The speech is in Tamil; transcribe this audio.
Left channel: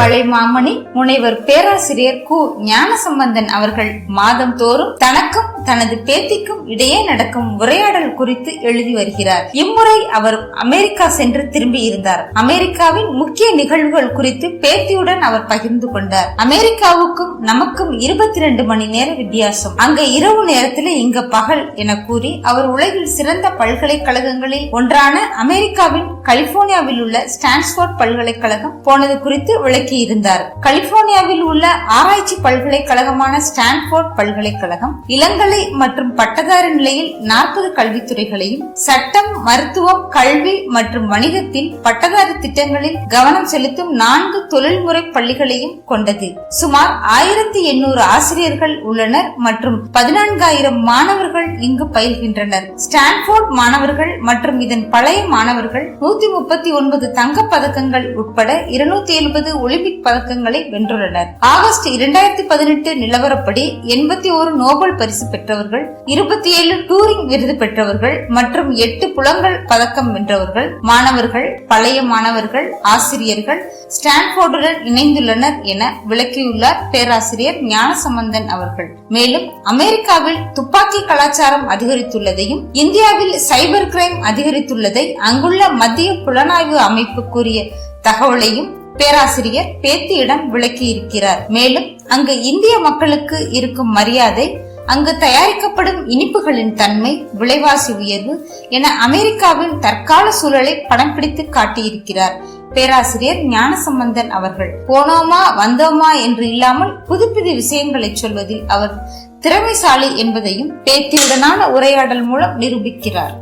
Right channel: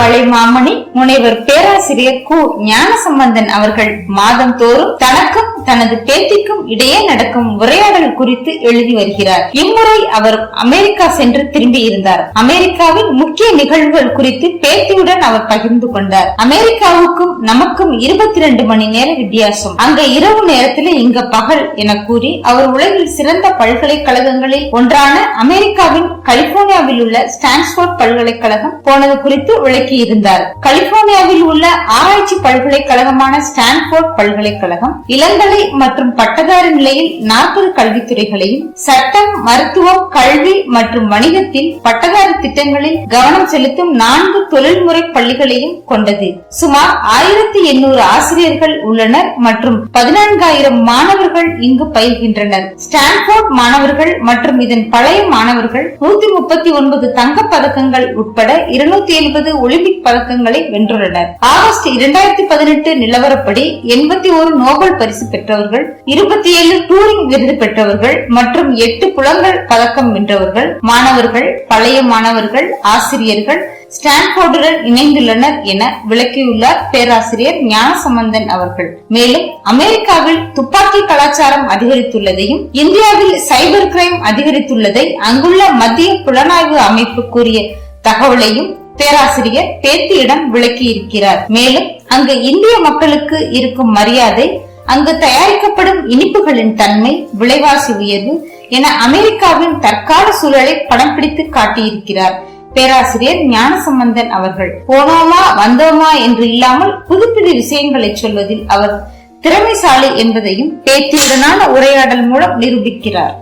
கலைமாமணி முனைவர் பேராசிரியர் கு. ஞானசம்பந்தன் அவர்கள் மாதம் தோறும் தனக்கும் தனது பேத்திக்கும் இடையே நடக்கும் உரையாடல் குறித்து எழுதி வருகிறார். இம்முறை அவர் அமெரிக்கா சென்று திரும்பி இருந்தார். அமெரிக்காவின் முக்கிய நிகழ்வுகள் குறித்து பேத்தியுடன் அவர் பகிர்ந்து கொண்டார். அமெரிக்காவுக்கும் நமக்கும் 22 மணி நேர வித்தியாசம். அங்க இரவு நேரத்தில் இங்க பகல் என கூறி அவர் உலகில் சிறந்த பல்கலைக்கழகங்களில் ஒன்றான அமெரிக்காவின் கலிபோர்னியாவில் உள்ள ஸ்டான்ஃபோர்ட் பல்கலைக்கழகம் போனது குறித்து விளக்கி இருந்தார். கலிபோர்னியாவில் உள்ள ஆராய்ச்சி பல்கலைக்கழகமான ஸ்டான்ஃபோர்ட் பல்கலைக்கழகம் இளங்கலை மற்றும் பட்டதாரி நிலையில் 40 கல்வித்துறைகளையும், சட்டம், மருத்துவம், கல்வி மற்றும் வணிகத்தில் பட்டதாரி திட்டங்களில் கவனம் செலுத்தும் 4 தொழில்முறை பள்ளிகளையும் கொண்டது. சுமார் 1800 ஆசிரியர்கள் உள்ளனர் மற்றும் 14,000 மாணவர்கள் இங்கு பயில்கின்றனர். ஸ்டான்ஃபோர்ட் மாணவர்கள் மற்றும் இதன் பழைய மாணவர்கள் 139 தங்கப் பதக்கங்கள் உட்பட 270 ஒலிம்பிக் பதக்கங்களை வென்றுள்ளனர். ஆகஸ்ட் 2018 நிலவரப்படி 81 நோபல் பரிசு பெற்றவர்கள், 27 டூரிங் விருது பெற்றவர்கள் மற்றும் 8 புலங்கள் பதக்கம் வென்றவர்கள் மாணவர்கள், பழைய மாணவர்கள், ஆசிரியர்கள் ஸ்டான்ஃபோர்டுடன் இணைந்துள்ளனர் என விளக்கியுள்ளார் பேராசிரியர் ஞானசம்பந்தன் அவர்கள். மேலும் அமெரிக்காவில் துப்பாக்கி கலாச்சாரம் அதிகரித்துள்ளதையும், இந்தியாவில் சைபர் கிரைம் அதிகரித்துள்ளதை அங்குள்ள மத்திய புலனாய்வு அமைப்பு கூறிய தகவலையும் பேராசிரியர் பேத்தியிடம் விளக்கி இருக்கிறார். மேலும் அங்கு இந்திய மக்களுக்கு இருக்கும் மரியாதை, அங்கு தயாரிக்கப்படும் இனிப்புகளின் தன்மை, விலைவாசி உயர்வு என அமெரிக்காவின் தற்கால சூழலை படம் பிடித்து காட்டியிருக்கிறார் பேராசிரியர் ஞானசம்பந்தன் அவர்கள். போனோமா வந்தோமா என்று இல்லாமல் புது புது விஷயங்களை சொல்வதில் அவர் திறமைசாலி என்பதையும் பேத்தியுடனான உரையாடல் மூலம் நிரூபிக்கிறார்.